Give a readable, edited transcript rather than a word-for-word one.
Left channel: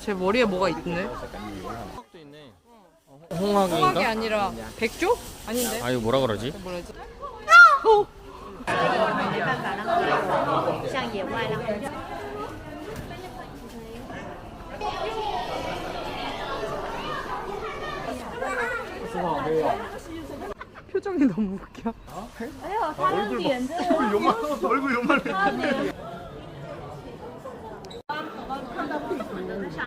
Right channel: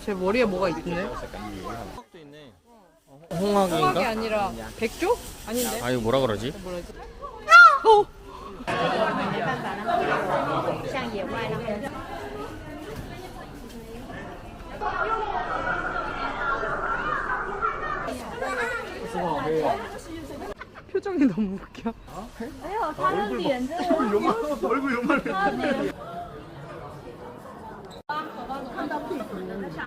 제 머리에 뭐가 있네? 홍학도 있네. 홍학인가? 홍학이 아니라 백조? 아닌데? 아 이거 뭐라 그러지? 뭐라지? 표정이 너무 웃겨. 얼굴 요만해.